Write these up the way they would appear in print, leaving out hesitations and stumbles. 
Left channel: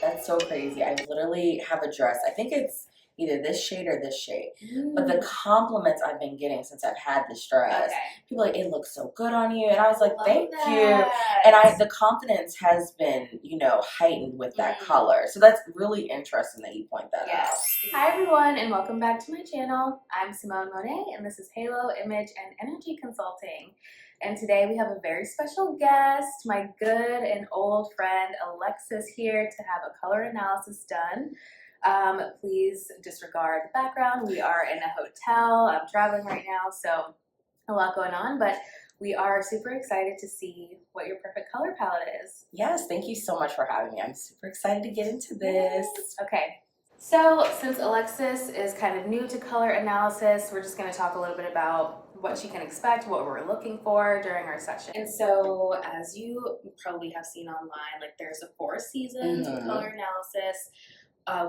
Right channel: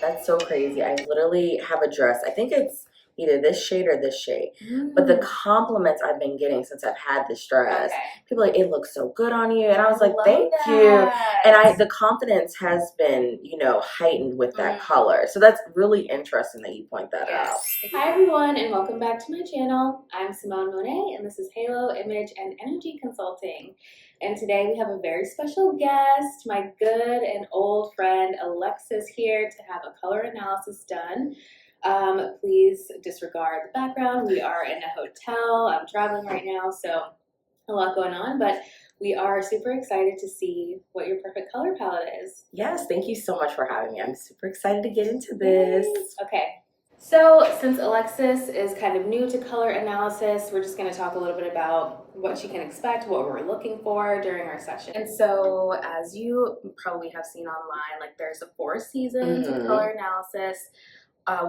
That's so crazy. I literally have a dress. I think it's either this shade or this shade. But the compliments I've been getting since I've had this dress, people are like, it looks so good on you. And I was like, thank you. And the confidence has been, heightened with that color. So that's really interesting that you point that out. Hi everyone, and welcome back to my channel. I'm Simone Monet, and this is Halo Image and Energy Consulting. And today we have a very special guest, my good and old friend Alexis, here to have a color analysis done. Please disregard the background. We are in a hotel. I'm traveling right now, so a lot going on, but we are super excited to see what your perfect color palette is. Yes, thank you so much for having me. I'm super excited to get into this. Okay. So since Alexis is kind of new to color analysis, we're just going to talk a little bit about what she can expect, what we're looking for during our session. And so as you probably have seen online, like there's 4 seasons of color analysis.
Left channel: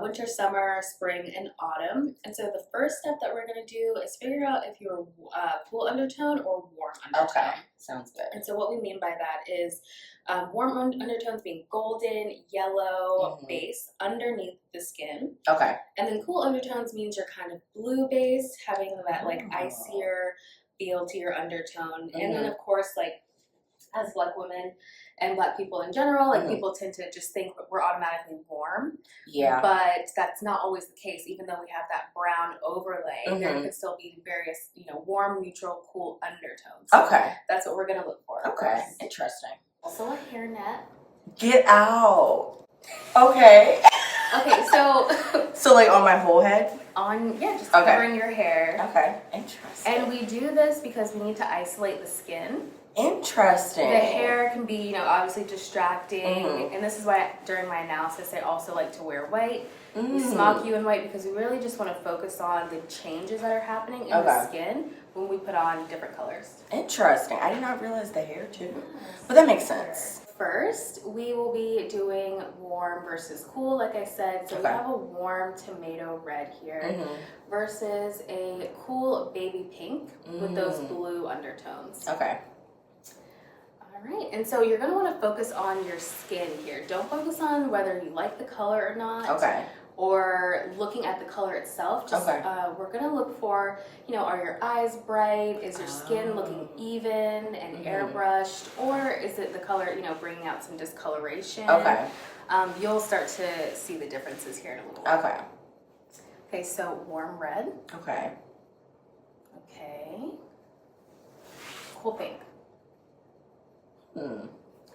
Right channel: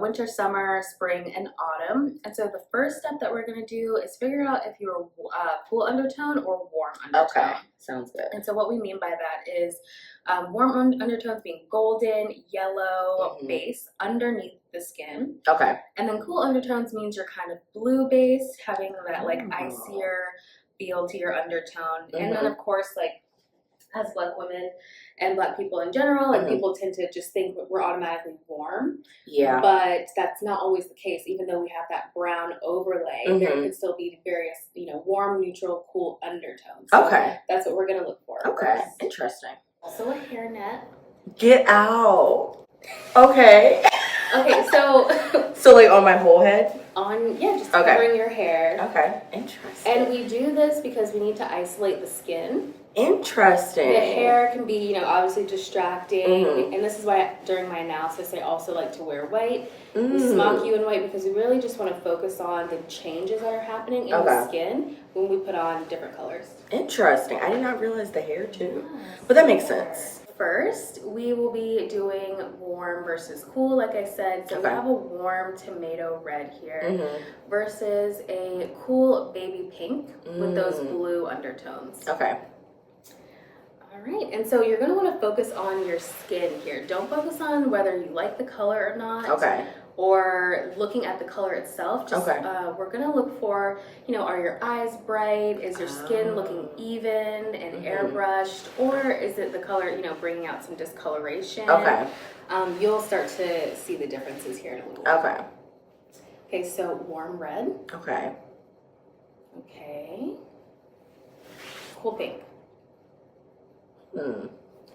Winter, summer, spring, and autumn. And so the first step that we're going to do is figure out if you're cool undertone or warm undertone. Okay, sounds good. And so what we mean by that is warm undertones being golden, yellow base underneath the skin. Okay. And then cool undertones means you're kind of blue base, having that like icier feel to your undertone. And then of course, like as Black women and Black people in general, like people tend to just think we're automatically warm. Yeah. But that's not always the case. Even though we have that brown overlay, there can still be various, warm, neutral, cool undertones. So okay. That's what we're going to look for. Okay. Interesting. Also a hairnet. Get out. Okay. Okay, so... so like on my whole head? Just covering your hair. Okay. Interesting. And we do this because we need to isolate the skin. Interesting. The hair can be, obviously distracting. And this is why during my analysis, I also like to wear white. We smock you in white because we really just want to focus on the changes that are happening in the skin when we put on different colors. Interesting. I did not realize the hair too. But that makes sense. First, we will be doing warm versus cool, like I said. So we have a warm tomato red here versus a cool baby pink with those blue undertones. Okay. All right, and so you're going to want to focus on your skin here. Don't focus on whether you like the color or not. Okay. Or looking at the color itself. Just, we're going to look for, are your eyes bright? Is your skin looking even and airbrushed? Or is it the color, bringing out some discoloration? Okay. You'll start to see the differences here in a little while. Okay. Okay, so warm red. Okay. Okay. Cool pink.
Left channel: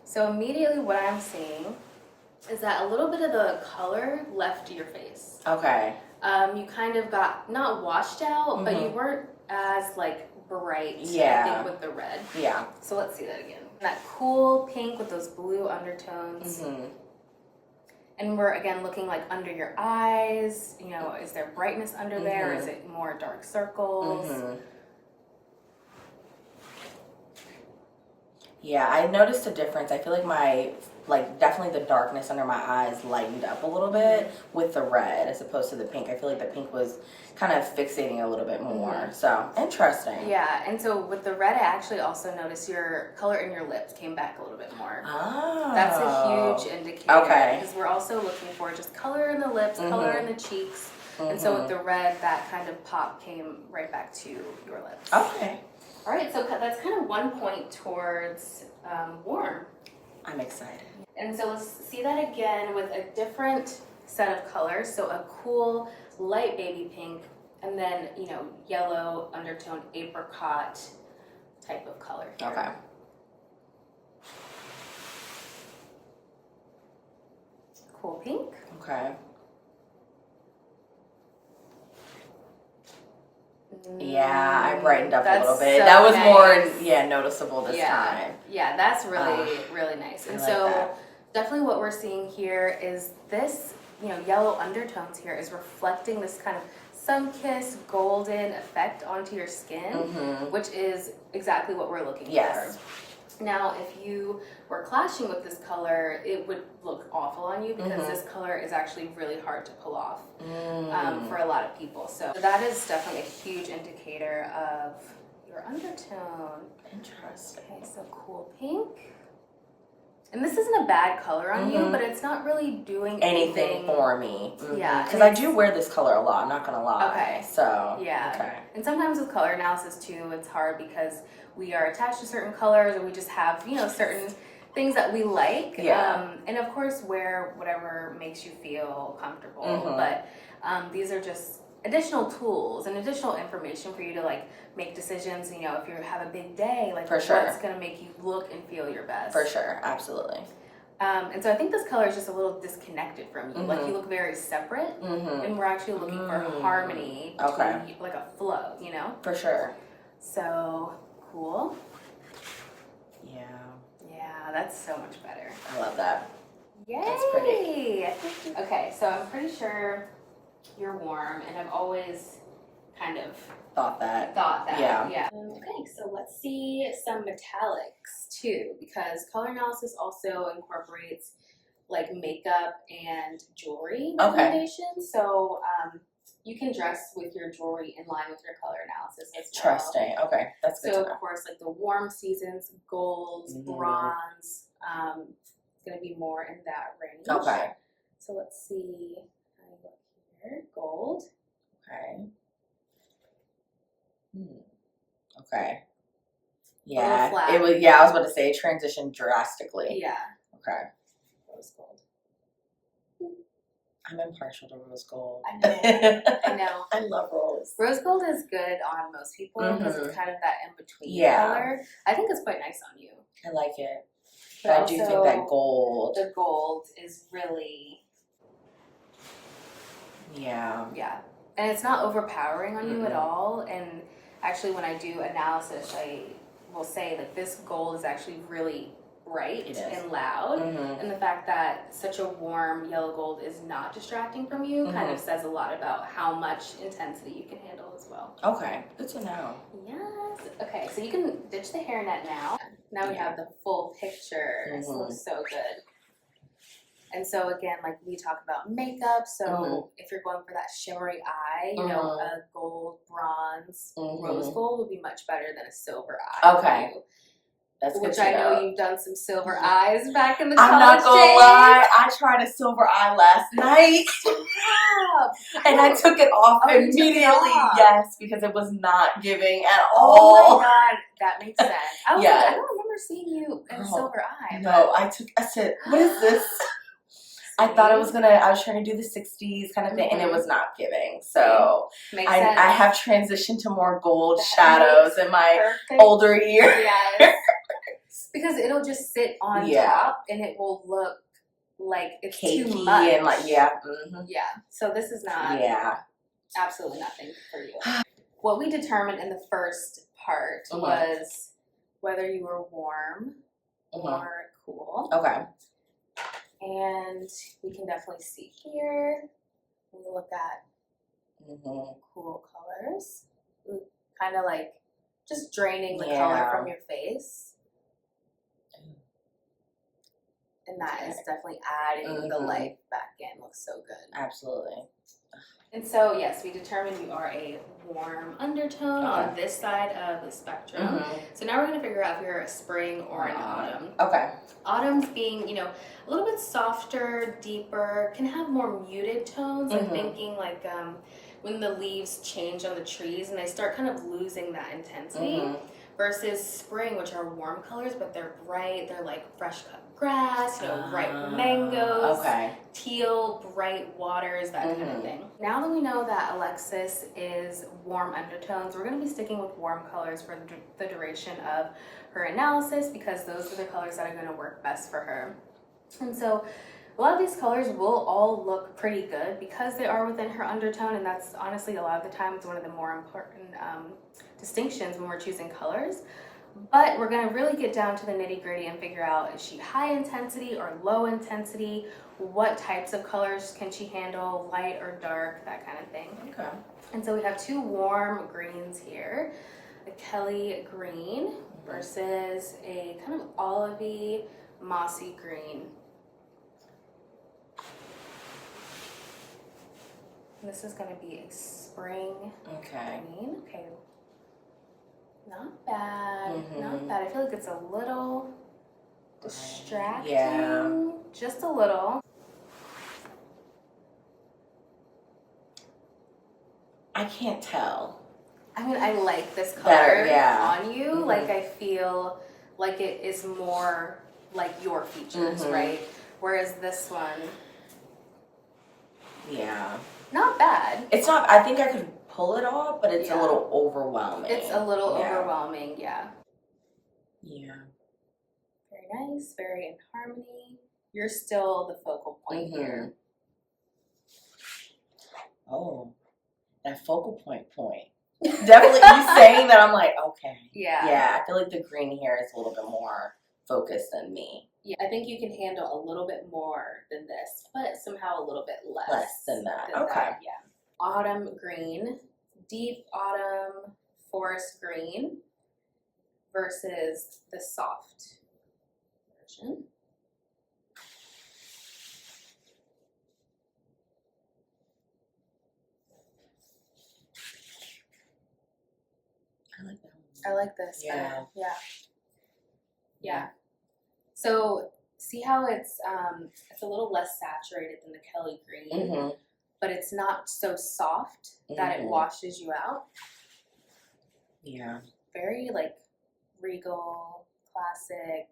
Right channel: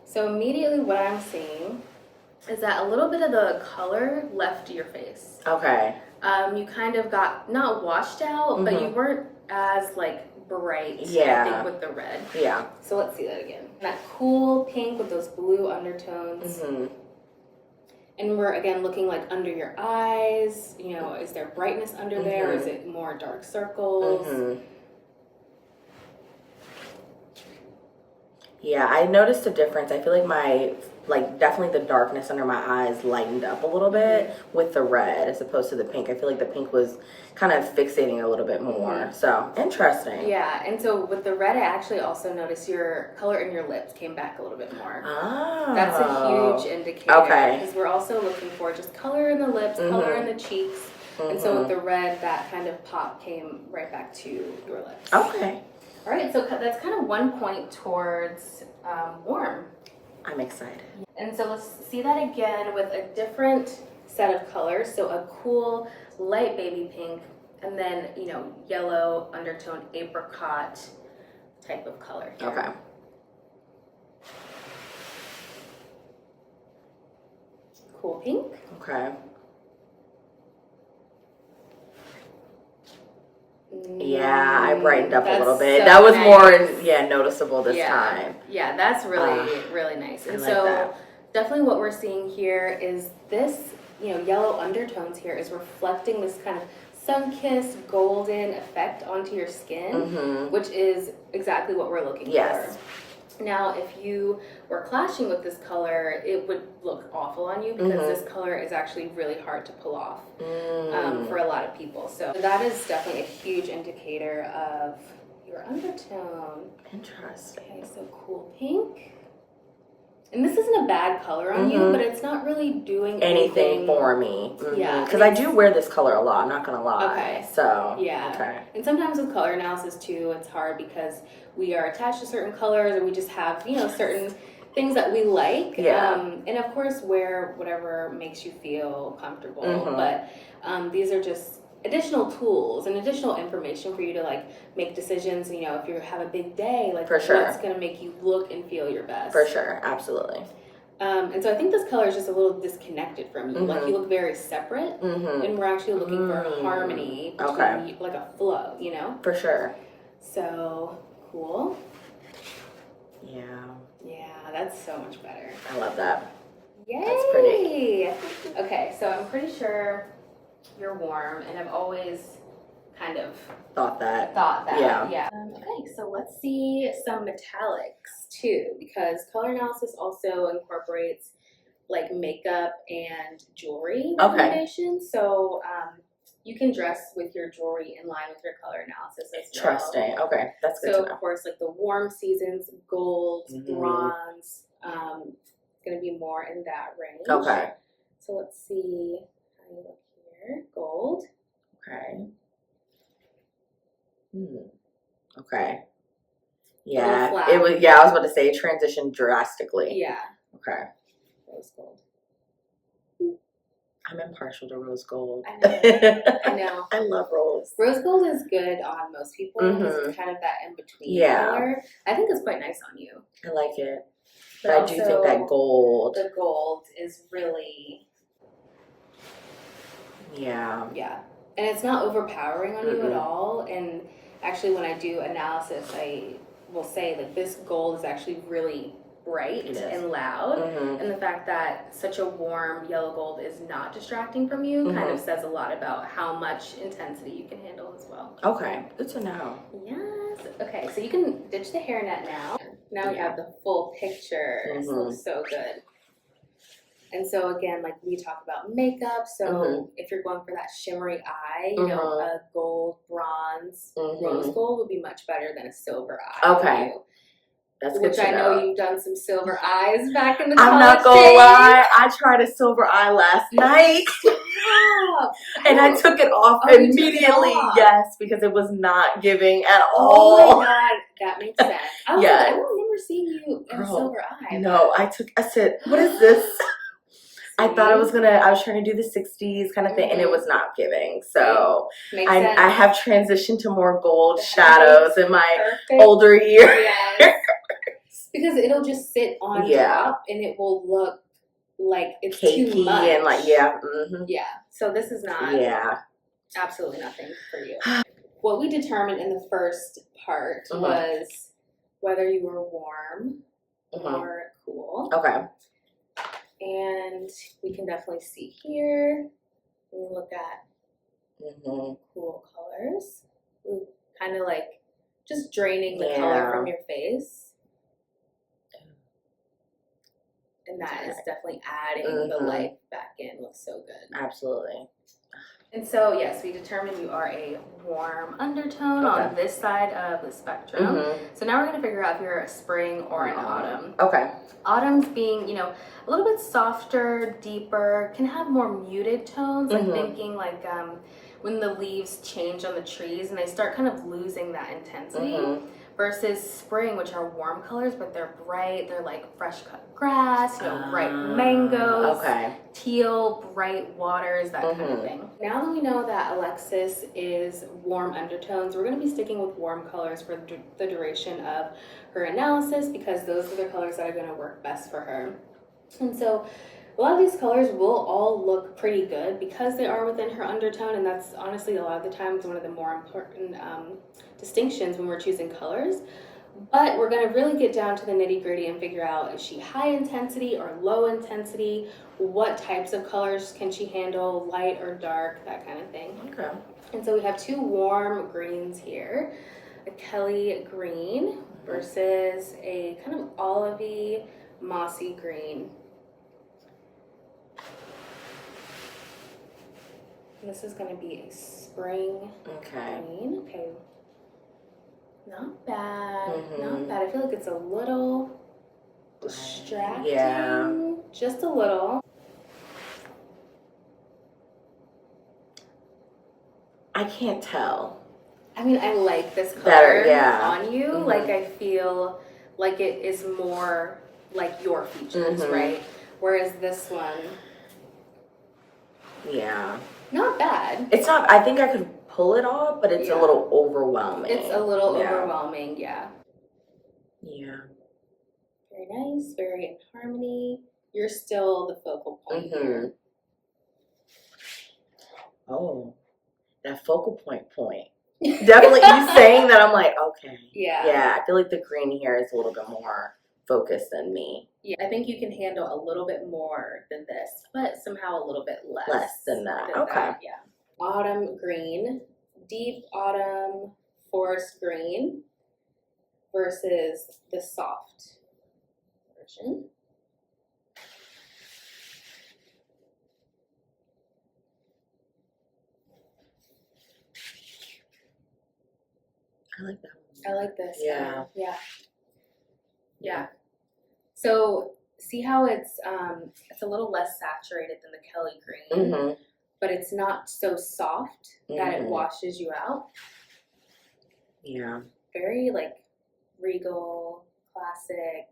So immediately what I'm seeing is that a little bit of the color left your face. Okay. You kind of got not washed out, but you weren't as like bright. Yeah. I think with the red. Yeah. So let's see that again. That cool pink with those blue undertones. And we're again looking like under your eyes. Is there brightness under there? Or is it more dark circles? Yeah, I noticed a difference. I feel like definitely the darkness under my eyes lightened up a little bit with the red as opposed to the pink. I feel like the pink was kind of fixating a little bit more. So, interesting. Yeah, and so with the red, I actually also noticed your color in your lips came back a little bit more. Oh. That's a huge indicator. Okay. Because we're also looking for just color in the lips, color in the cheeks. And so with the red, that kind of pop came right back to your lips. Okay. All right, so that's kind of one point towards warm. I'm excited. And so let's see that again with a different set of colors. So a cool light baby pink, and then, yellow undertone apricot type of color here. Okay. Cool pink. Okay. Yeah, I brightened up a little bit. So that was nice. More, noticeable this time. Yeah, that's really, really nice. And so definitely what we're seeing here is this, yellow undertones here is reflecting this kind of sun-kissed golden effect onto your skin, which is exactly what we're looking for. Now, if you were clashing with this color, it would look awful on you because this color is actually really hard to pull off for a lot of people. So that is definitely a huge indicator of your undertone. Interesting. Okay, so cool pink. And this isn't a bad color on you, but it's not really doing anything for me. Yeah. Because I do wear this color a lot, I'm not going to lie. Okay. So, yeah. Okay. And sometimes with color analysis too, it's hard because we are attached to certain colors or we just have, you know, certain things that we like. Yeah. And of course, wear whatever makes you feel comfortable. But these are just additional tools and additional information for you to like make decisions. You know, if you have a big day, like what's going to make you look and feel your best. For sure, absolutely. And so I think this color is just a little disconnected from you. Like you look very separate, and we're actually looking for harmony between like a flow, you know? For sure. So cool. Yeah. Yeah, that's so much better. I love that. Yay! That's pretty. Okay, so I'm pretty sure you're warm, and I've always kind of thought that. Yeah. Okay, so let's see some metallics too, because color analysis also incorporates like makeup and jewelry recommendations. So you can dress with your jewelry in line with your color analysis as well. Interesting. Okay, that's good to know. So of course, like the warm seasons, golds, bronze, going to be more in that range. Okay. So let's see how you look here. Gold. Okay. Okay. Yeah. It was. Yeah, I was about to say it transitioned drastically. Yeah. Okay. Rose gold. I'm impartial to rose gold. I know. I know. I love rose. Rose gold is good on most people because it's kind of that in between color. I think it's quite nice on you. I like it. But I do think that gold. The gold is really. Yeah. Yeah. And it's not overpowering on you at all. And actually, when I do analysis, I will say that this gold is actually really bright and loud. And the fact that such a warm yellow gold is not distracting from you kind of says a lot about how much intensity you can handle as well. Okay, good to know. Yes. Okay, so you can ditch the hairnet now. Now we have the full picture. This looks so good. And so again, like we talk about makeup, so if you're going for that shimmery eye, you know, a gold, bronze, rose gold would be much better than a silver eye. Okay. That's Which good to I know you've done some silver eyes back in the I'm not gonna lie, I tried a silver eye last night. And I took it off immediately. Yes, because it was not giving at all. Oh my god, that makes sense. I don't remember seeing you in a silver eye. No, I said, what is this? I thought I was trying to do the 60s kind of thing, and it was not giving. So I have transitioned to more gold shadows in my older years. Yes. Because it'll just sit on top, and it will look like it's cakey too much. And like, yeah. So this is not absolutely nothing for you. What we determined in the first part was whether you were warm or cool. Okay. And we can definitely see here, when we look at cool colors, kind of like just draining the color from your face. And that is definitely adding the life back in. Looks so good. Absolutely. And so, yes, we determined you are a warm undertone on this side of the spectrum. So now we're going to figure out if you're a spring or an autumn. Okay. Autumn's being, you know, a little bit softer, deeper, can have more muted tones. I'm thinking like when the leaves change on the trees and they start kind of losing that intensity. Versus spring, which are warm colors, but they're bright. They're like fresh cut grass, you know, ripe mangoes, teal, bright waters, that kind of thing. Now that we know that Alexis is warm undertones, we're going to be sticking with warm colors for the duration of her analysis because those are the colors that are going to work best for her. And so a lot of these colors will all look pretty good because they are within her undertone, and that's honestly a lot of the times one of the more important distinctions when we're choosing colors. But we're going to really get down to the nitty-gritty and figure out, is she high intensity or low intensity? What types of colors can she handle, light or dark, that kind of thing. Okay. And so we have two warm greens here, a Kelly green versus a kind of olivey, mossy green. And this is going to be a spring green. Okay. Not bad. Not bad. I feel like it's a little distracting just a little. I can't tell. I mean, I like this color better, on you. Like, I feel like it is more like your features, right? Whereas this one, not bad. It's not, I think I could pull it off, but it's a little overwhelming. It's a little overwhelming, yeah. Very nice, very in harmony. You're still the focal point here. Oh, that focal point. Definitely, you saying that, I'm like, okay. Yeah, I feel like the green here is a little bit more focused than me. Yeah, I think you can handle a little bit more than this, but somehow a little bit less. Less than that, okay. Yeah. Autumn green, deep autumn forest green versus the soft version. I like that one. I like this. Yeah. Yeah. So see how it's a little less saturated than the Kelly green, but it's not so soft that it washes you out. Yeah. Very like regal, classic,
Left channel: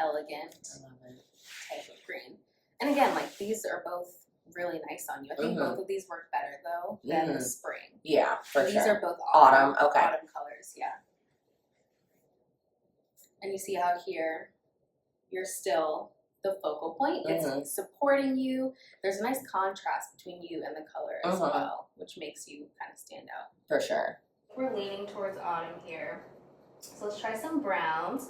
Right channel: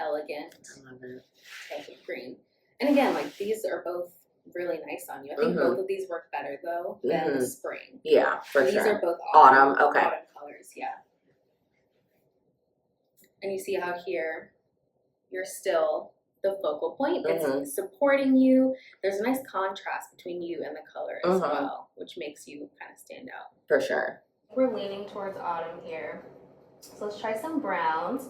elegant. I love it. Type of green. And again, like these are both really nice on you. I think both of these work better though than the spring. Yeah, for so sure. These are both autumn autumn colors, yeah. And you see how here you're still the focal point. It's supporting you. There's a nice contrast between you and the color as well, which makes you kind of stand out. For sure. We're leaning towards autumn here. So let's try some browns.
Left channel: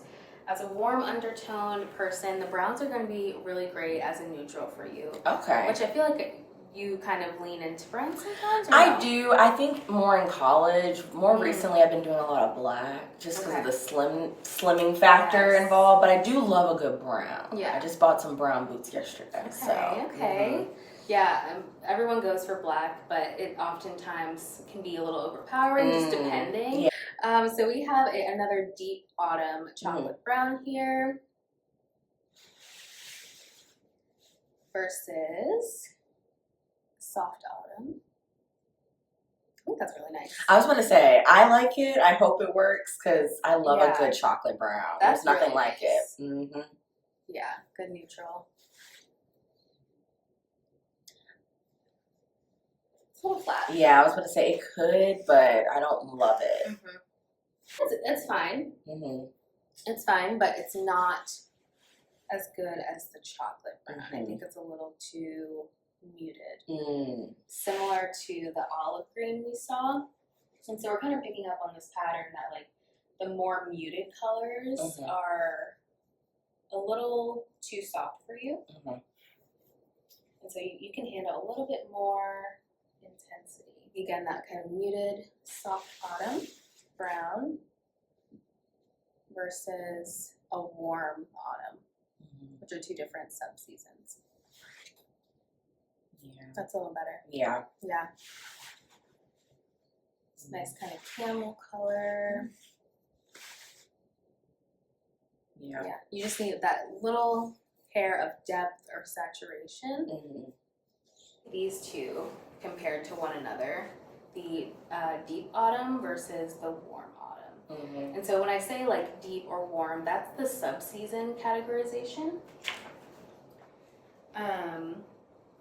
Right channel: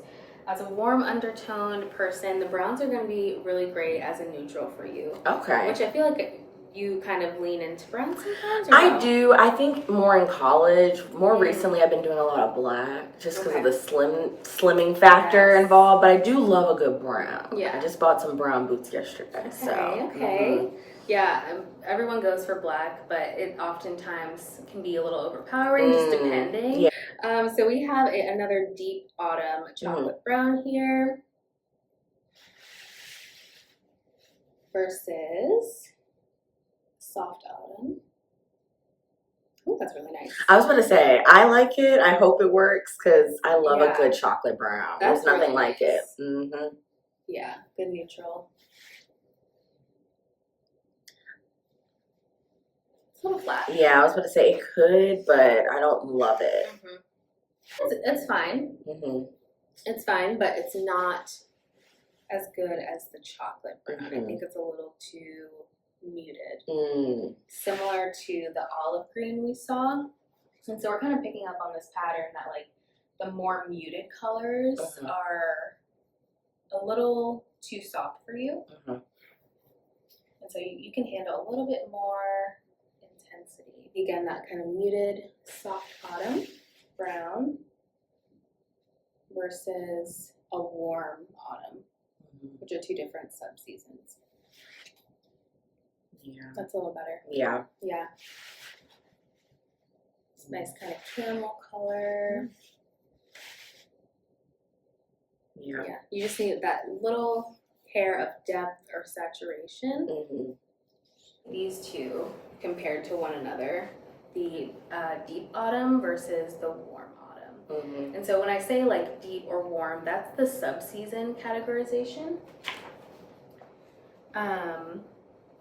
As a warm undertoned person, the browns are going to be really great as a neutral for you. Okay. Which I feel like you kind of lean into brown sometimes? I do. I think more in college. More recently, I've been doing a lot of black just because of the slimming factor involved. But I do love a good brown. Yeah. I just bought some brown boots yesterday. Okay. Yeah, everyone goes for black, but it oftentimes can be a little overpowering, just depending. Yeah. So we have another deep autumn chocolate brown here versus soft autumn. I think that's really nice. I was going to say, I like it. I hope it works because I love a good chocolate brown. There's nothing really like it. Yeah, good neutral. It's a little flat. Yeah, I was going to say it could, but I don't love it. It's fine. It's fine, but it's not as good as the chocolate brown. I think it's a little too muted. Similar to the olive green we saw. And so we're kind of picking up on this pattern that like the more muted colors are a little too soft for you. And so you can handle a little bit more intensity. Again, that kind of muted soft autumn brown versus a warm autumn, which are two different subseasons. Yeah. That's a little better. Yeah. Yeah. It's nice kind of camel color. Yeah. You just need that little hair of depth or saturation. These two compared to one another, the deep autumn versus the warm autumn. And so when I say like deep or warm, that's the subseason categorization.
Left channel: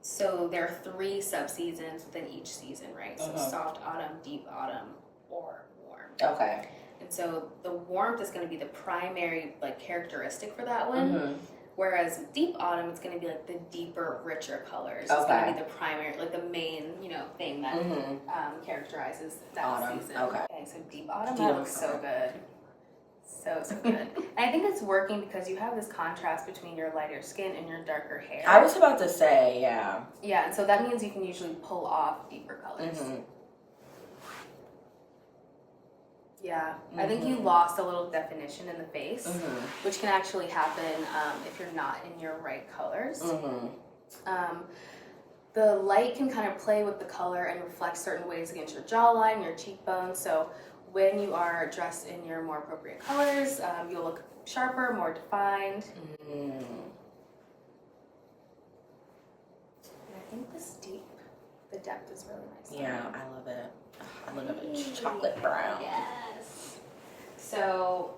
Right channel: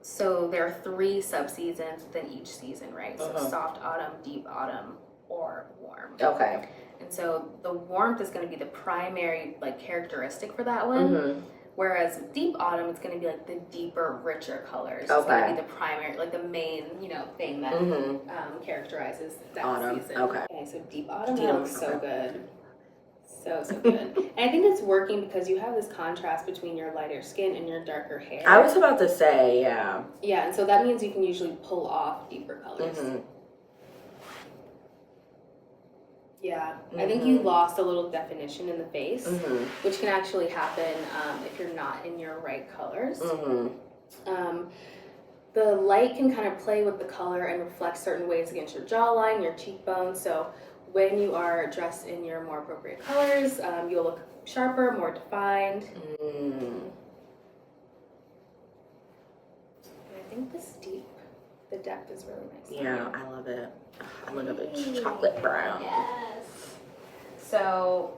So there are 3 subseasons within each season, right? So soft autumn, deep autumn, or warm. Okay. And so the warmth is going to be the primary like characteristic for that one. Whereas deep autumn, it's going to be like the deeper, richer colors. It's going to be the primary, like the main, thing that characterizes that season. Okay, so deep autumn, that looks so good. So good. And I think it's working because you have this contrast between your lighter skin and your darker hair. I was about to say, yeah. Yeah, and so that means you can usually pull off deeper colors. Yeah, I think you lost a little definition in the face, which can actually happen if you're not in your right colors. The light can kind of play with the color and reflect certain ways against your jawline, your cheekbones. So when you are dressed in your more appropriate colors, you'll look sharper, more defined. Mm. And I think the depth is really nice. Yeah, I love it. I love it. Chocolate brown. Yes. So,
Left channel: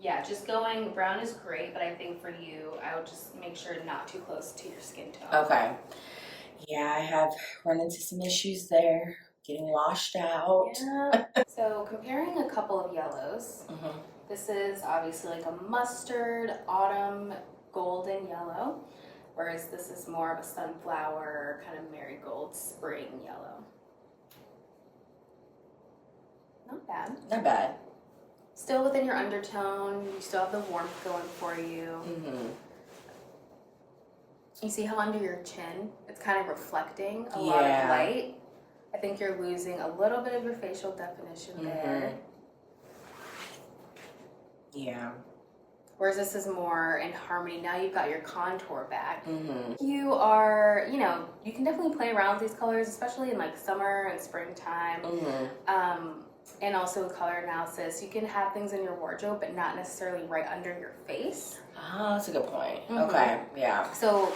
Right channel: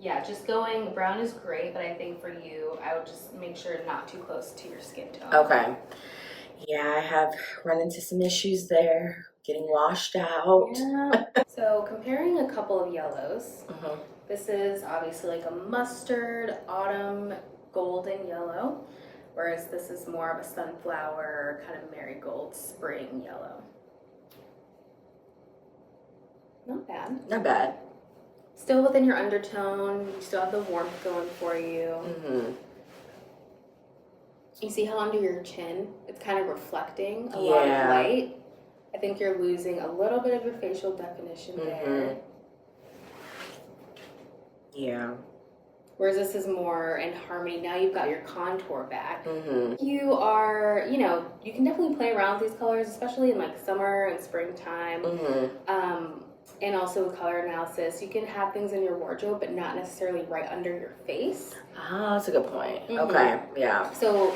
yeah, just going brown is great, but I think for you, I would just make sure not too close to your skin tone. Okay. Yeah, I have run into some issues there, getting washed out. Yeah. So comparing a couple of yellows, Mm-hmm. this is obviously like a mustard, autumn, golden yellow, whereas this is more of a sunflower, kind of marigold, spring yellow. Not bad. Not bad. Still within your undertone, you still have the warmth going for you. Mm-hmm. You see how under your chin, it's kind of reflecting a lot of light. I think you're losing a little bit of your facial definition there. Yeah. Whereas this is more in harmony. Now you've got your contour back. Mm-hmm. You are, you can definitely play around with these colors, especially in like summer and springtime. Mm-hmm. And also with color analysis, you can have things in your wardrobe, but not necessarily right under your face. Ah, that's a good point. Mm-hmm. Okay, yeah. So,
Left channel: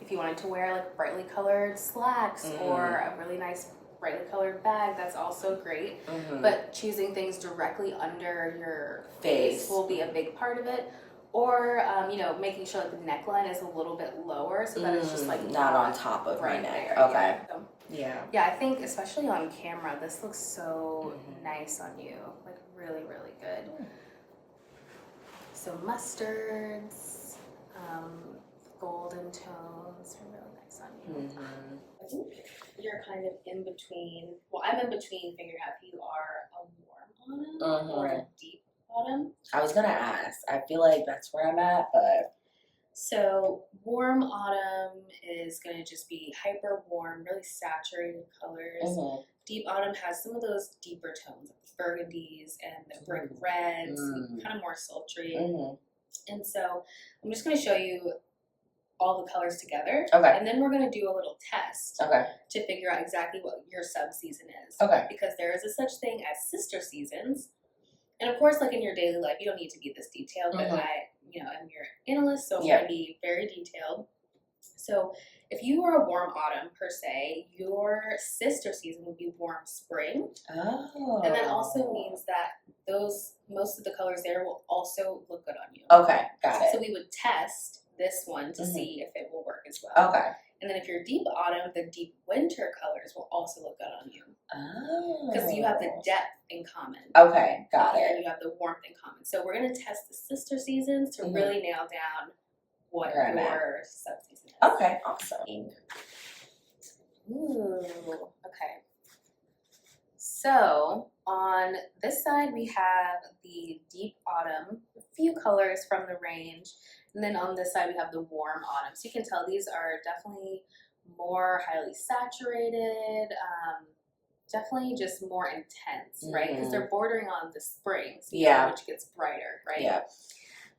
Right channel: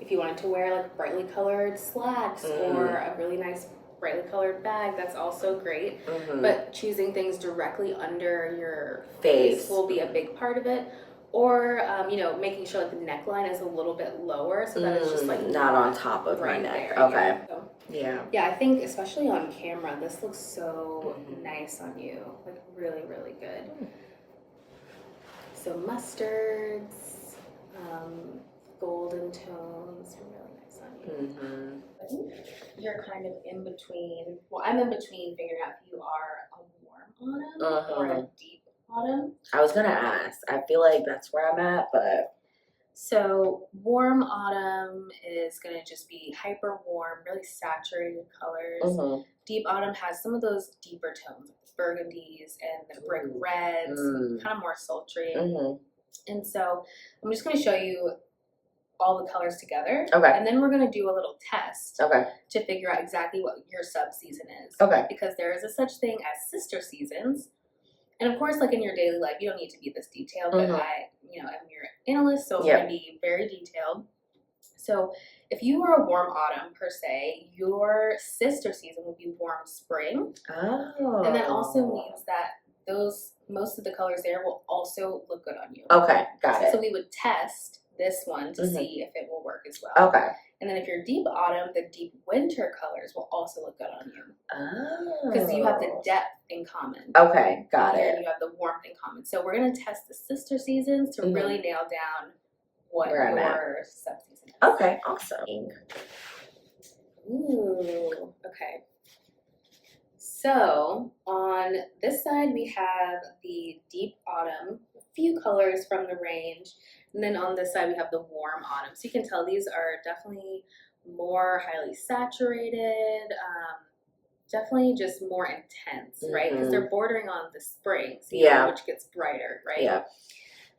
if you wanted to wear like brightly colored slacks or a really nice brightly colored bag, that's also great. Mm-hmm. But choosing things directly under your face will be a big part of it. Or, making sure that the neckline is a little bit lower so that it's just like not on top of my neck. Okay. Yeah. Yeah, I think especially on camera, this looks so nice on you. Like really, really good. So mustards, golden tones are really nice on you. I think you're kind of in between. Well, I'm in between figuring out if you are a warm autumn or a deep autumn. I was gonna ask. I feel like that's where I'm at, but so warm autumn is gonna just be hyper warm, really saturated colors. Deep autumn has some of those deeper tones, like the burgundies and the brick reds, kind of more sultry. And so I'm just gonna show you all the colors together. Okay. And then we're gonna do a little test. Okay. To figure out exactly what your subseason is. Okay. Because there is a such thing as sister seasons. And of course, like in your daily life, you don't need to be this detailed, but I, am your analyst, so I'm going to be very detailed. So if you were a warm autumn per se, your sister season would be warm spring. Oh. And that also means that most of the colors there will also look good on you. Okay, got it. So we would test this one to see if it will work as well. Okay. And then if you're deep autumn, the deep winter colors will also look good on you. Oh. Because you have the depth in common. Okay, got it. And you have the warmth in common. So we're going to test the sister seasons to really nail down what your subseason is. Okay, awesome. Ooh, okay. So on this side, we have the deep autumn, a few colors from the range. And then on this side, we have the warm autumn. So you can tell these are definitely more highly saturated, definitely just more intense, right? Because they're bordering on the spring season, which gets brighter, right? Yeah.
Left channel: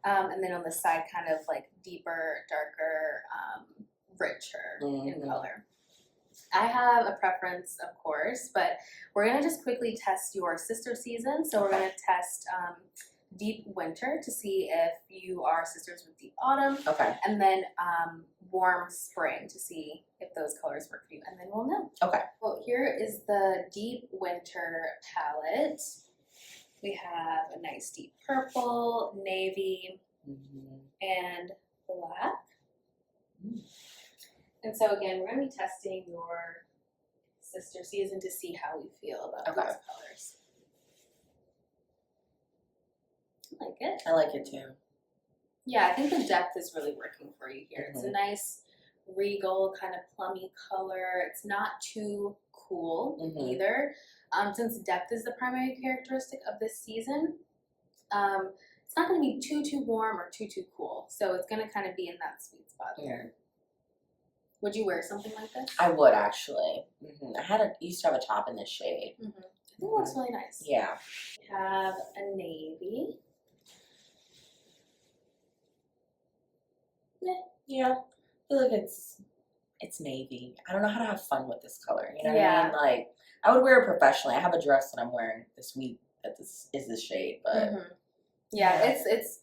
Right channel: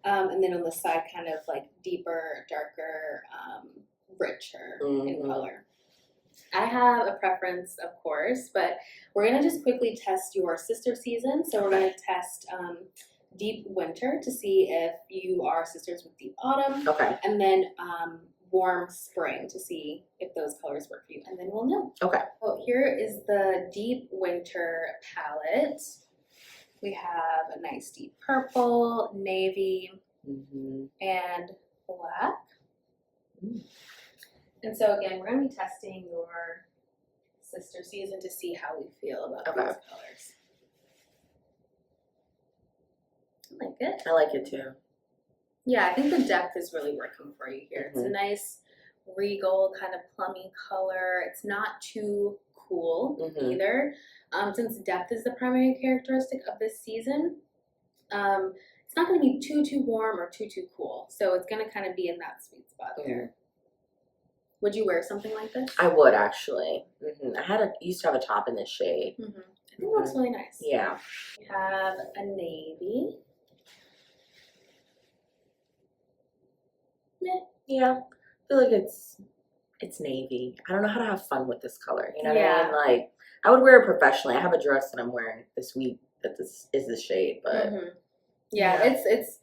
And then on this side, kind of like deeper, darker, richer in color. I have a preference, of course, but we're going to just quickly test your sister season. So we're going to test deep winter to see if you are sisters with deep autumn. Okay. And then warm spring to see if those colors work for you. And then we'll know. Okay. So here is the deep winter palette. We have a nice deep purple, navy, and black. And so again, we're going to be testing your sister season to see how we feel about these colors. I like it. I like it too. Yeah, I think the depth is really working for you here. It's a nice regal kind of plummy color. It's not too cool either. Since depth is the primary characteristic of this season, it's not going to be too warm or too cool. So it's going to kind of be in that sweet spot there. Would you wear something like this? I would actually. I used to have a top in this shade. I think it looks really nice. Yeah. We have a navy. Yeah. I feel like it's navy. I don't know how to have fun with this color. You know what I mean? Like, I would wear it professionally. I have a dress that I'm wearing this week that this is the shade, but Yeah, it's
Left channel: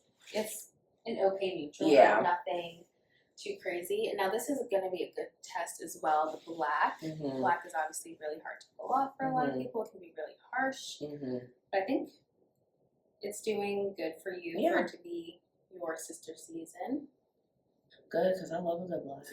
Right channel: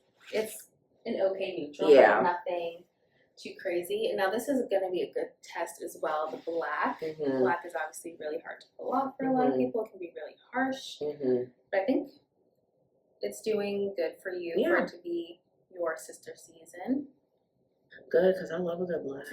an okay neutral. Yeah. Nothing too crazy. And now this is going to be a good test as well. The black. Black is obviously really hard to pull off for a lot of people. It can be really harsh. But I think it's doing good for you for it to be your sister season. Good, because I love a good black.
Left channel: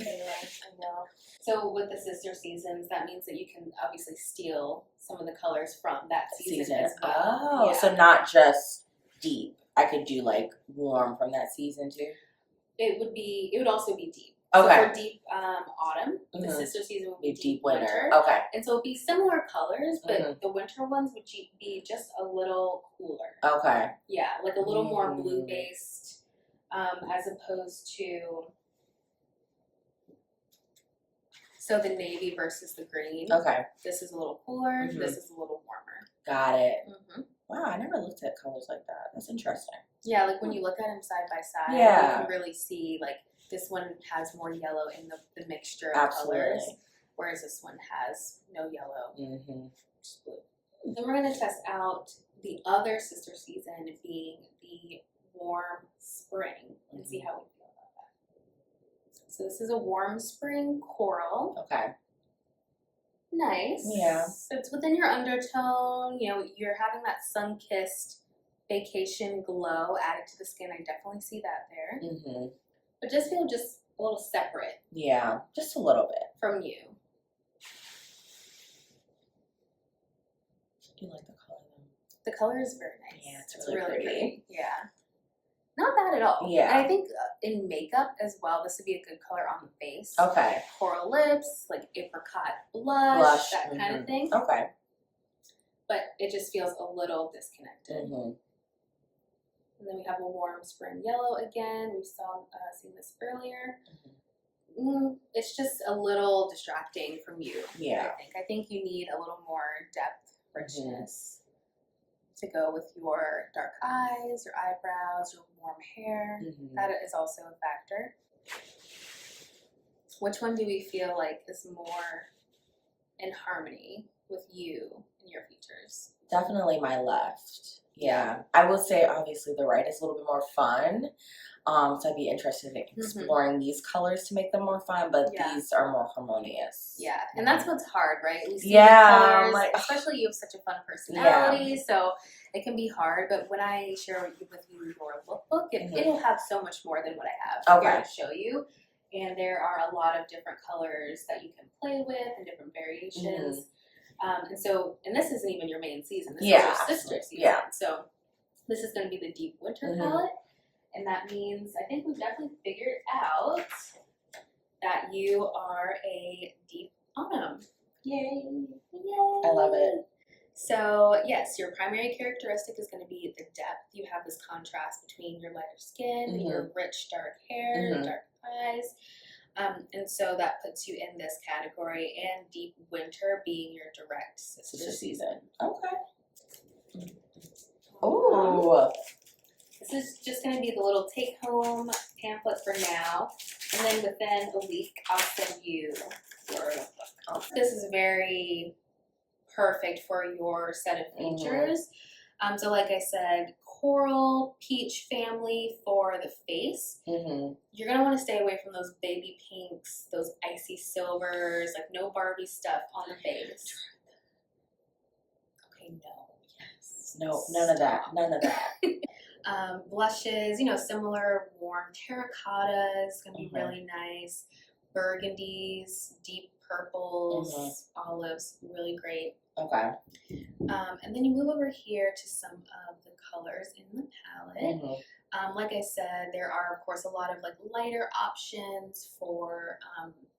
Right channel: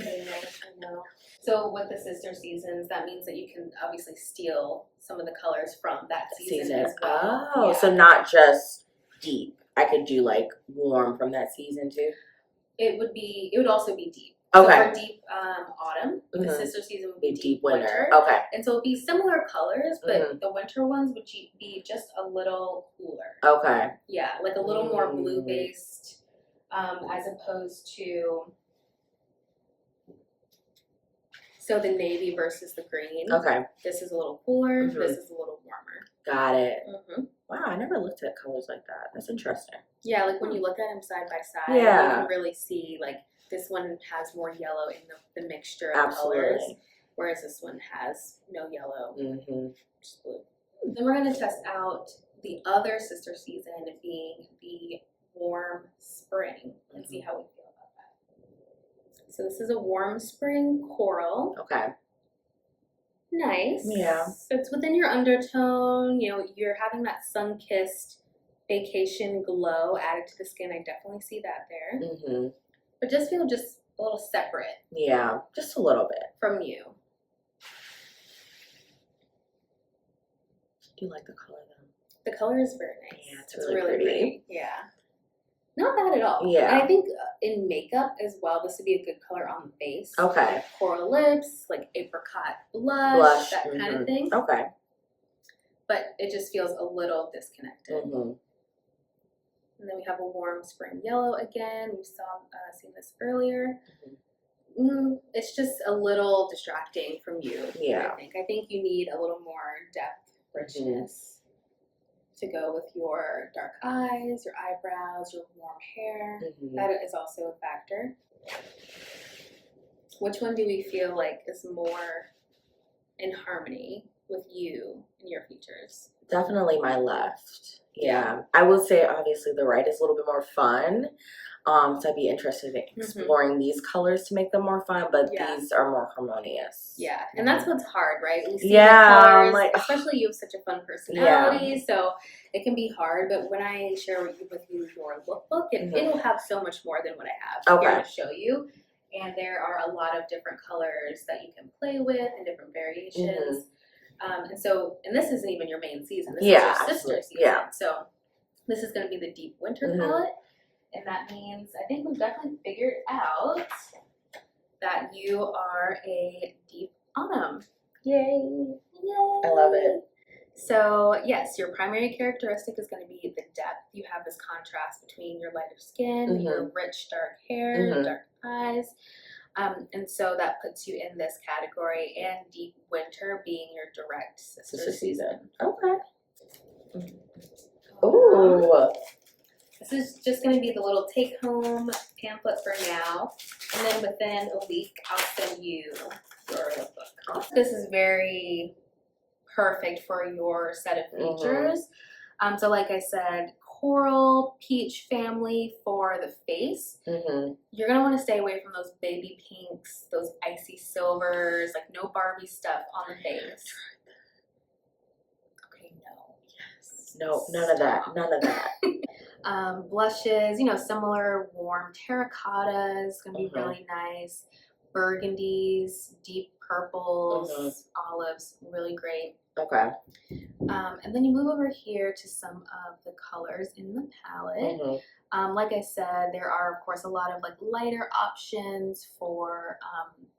I know. So with the sister seasons, that means that you can obviously steal some of the colors from that season as well. Oh, so not just deep. I could do like warm from that season too. It would also be deep. Okay. So for deep autumn, the sister season would be deep winter. Okay. And so it'd be similar colors, but the winter ones would be just a little cooler. Okay. Yeah, like a little more blue based, as opposed to so the navy versus the green. Okay. This is a little cooler. This is a little warmer. Got it. Wow, I never looked at colors like that. That's interesting. Yeah, like when you look at them side by side, you can really see like this one has more yellow in the mixture of colors, whereas this one has no yellow, just blue. Then we're going to test out the other sister season being the warm spring and see how we feel about that. So this is a warm spring coral. Okay. Nice. Yeah. So it's within your undertone. You know, you're having that sun-kissed vacation glow added to the skin. I definitely see that there. But just feel just a little separate. Yeah, just a little bit. From you. Do you like the color though? The color is very nice. Yeah, it's really pretty. Yeah. Not bad at all. Yeah. And I think in makeup as well, this would be a good color on the face. Okay. Like coral lips, like apricot blush, that kind of thing. Okay. But it just feels a little disconnected. And then we have a warm spring yellow again. We've seen this earlier. It's just a little distracting from you. Yeah. I think you need a little more depth, richness to go with your dark eyes, your eyebrows, your warm hair. That is also a factor. Which one do we feel like is more in harmony with you and your features? Definitely my left. Yeah. I will say obviously the right is a little bit more fun. So I'd be interested in exploring these colors to make them more fun, but these are more harmonious. Yeah, and that's what's hard, right? We see colors, like, especially you have such a fun personality, so it can be hard. But when I share with you your lookbook, it'll have so much more than what I have here to show you. And there are a lot of different colors that you can play with and different variations. And this isn't even your main season. This is your sister season. Yeah. So this is going to be the deep winter palette. And that means I think we've definitely figured out that you are a deep autumn. Yay. Yay. I love it. So yes, your primary characteristic is going to be the depth. You have this contrast between your lighter skin, your rich dark hair, dark eyes. And so that puts you in this category, and deep winter being your direct sister season. Okay. Ooh. This is just going to be the little take-home pamphlet for now, and then within a week, I'll send you your book. This is very perfect for your set of features. So like I said, coral, peach family for the face. You're going to want to stay away from those baby pinks, those icy silvers, like no Barbie stuff on the face. Okay, no. Yes. No, none of that. None of that. Blushes, similar warm terracottas, gonna be really nice. Burgundies, deep purples, olives, really great. Okay. And then you move over here to some of the colors in the palette. Like I said, there are of course a lot of like lighter options for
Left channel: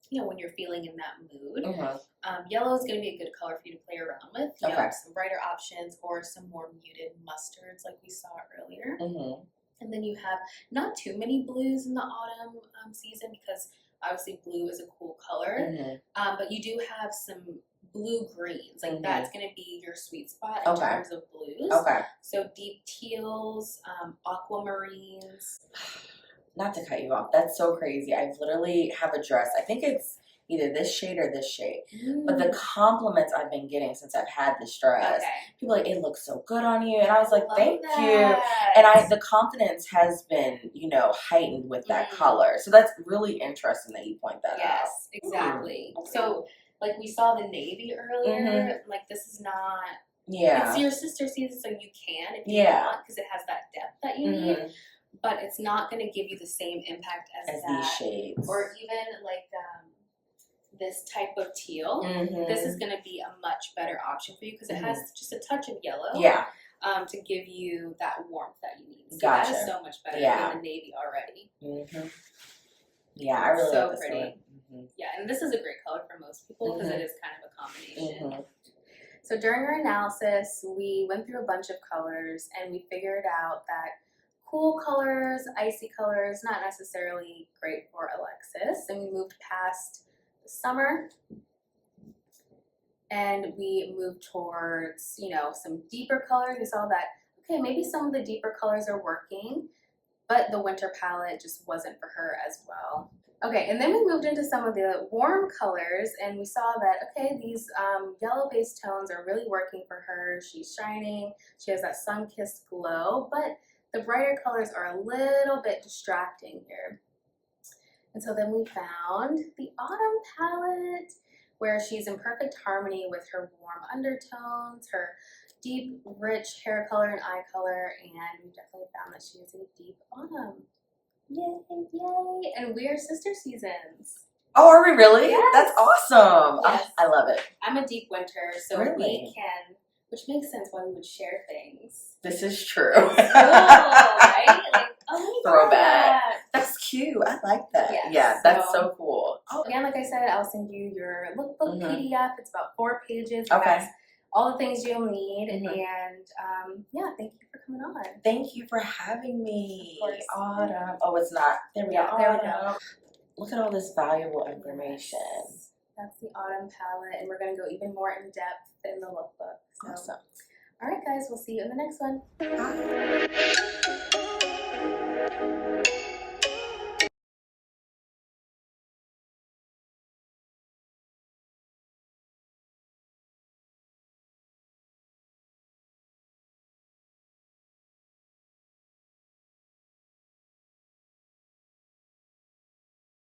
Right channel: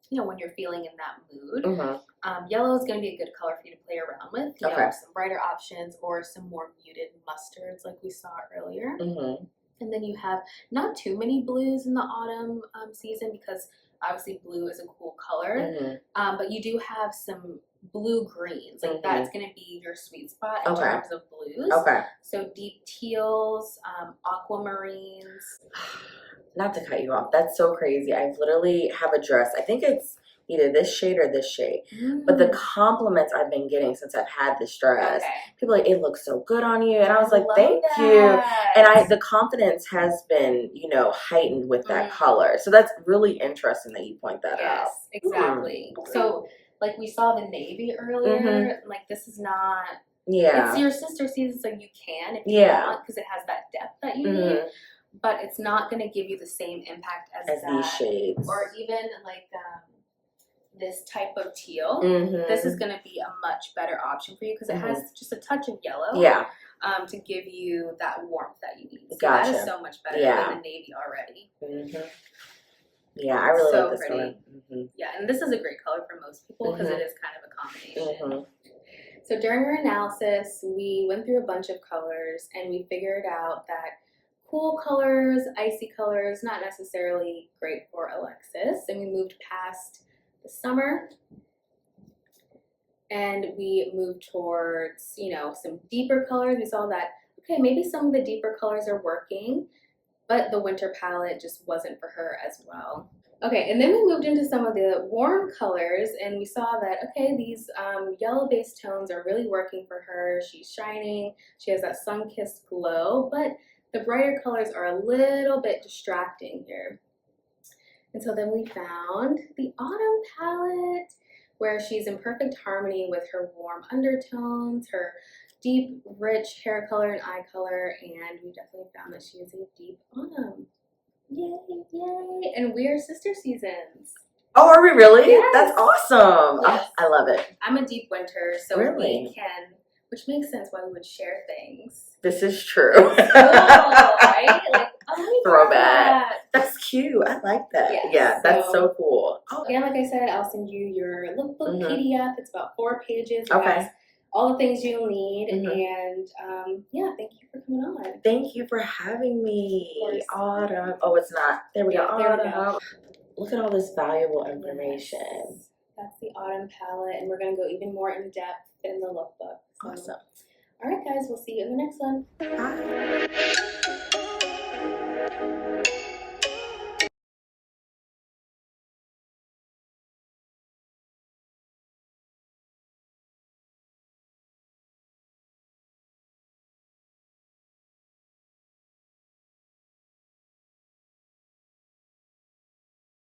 when you're feeling in that mood. Yellow is going to be a good color for you to play around with. You know, some brighter options or some more muted mustards like we saw earlier. And then you have not too many blues in the autumn season because obviously blue is a cool color. But you do have some blue greens. Like that's going to be your sweet spot in terms of blues. So deep teals, aquamarines. Not to cut you off. That's so crazy. I literally have a dress. I think it's either this shade or this shade. But the compliments I've been getting since I've had this dress, people are like, it looks so good on you. And I was like, thank you. And the confidence has been, you know, heightened with that color. So that's really interesting that you point that out. Yes, exactly. So like we saw the navy earlier, like this is not, it's your sister season, so you can if you want, because it has that depth that you need. But it's not going to give you the same impact as these shades. Or even like this type of teal. This is going to be a much better option for you because it has just a touch of yellow. To give you that warmth that you need. So that is so much better than the navy already. Yeah, I really like this pretty. color. Yeah, and this is a great color for most people because it is kind of a combination. So during our analysis, we went through a bunch of colors and we figured out that cool colors, icy colors, not necessarily great for Alexis. And we moved past the summer and we moved towards, you know, some deeper colors. We saw that, okay, maybe some of the deeper colors are working, but the winter palette just wasn't for her as well. Okay, and then we moved into some of the warm colors and we saw that, okay, these yellow-based tones are really working for her. She's shining, she has that sun-kissed glow, but the brighter colors are a little bit distracting here. And so then we found the autumn palette where she's in perfect harmony with her warm undertones, her deep, rich hair color and eye color, and we definitely found that she is a deep autumn. Yay, yay. And we are sister seasons. Oh, are we really? Yes. That's awesome. Yes. Oh, I love it. I'm a deep winter, so really? we can, which makes sense why we would share things. This is true. Cool, right? Like, oh, throwback. That's cute. I like that. Yes. Yeah, that's so cool. Oh, and like I said, I'll send you your lookbook PDF. It's about 4 pages. Okay. All the things you'll need, and yeah, thank you for coming on. Thank you for having me. Autumn. Oh, it's not. There we go. There we go. Look at all this valuable information. Yes. That's the autumn palette, and we're going to go even more in depth in the lookbook. So. Awesome. All right, guys, we'll see you in the next one. Bye.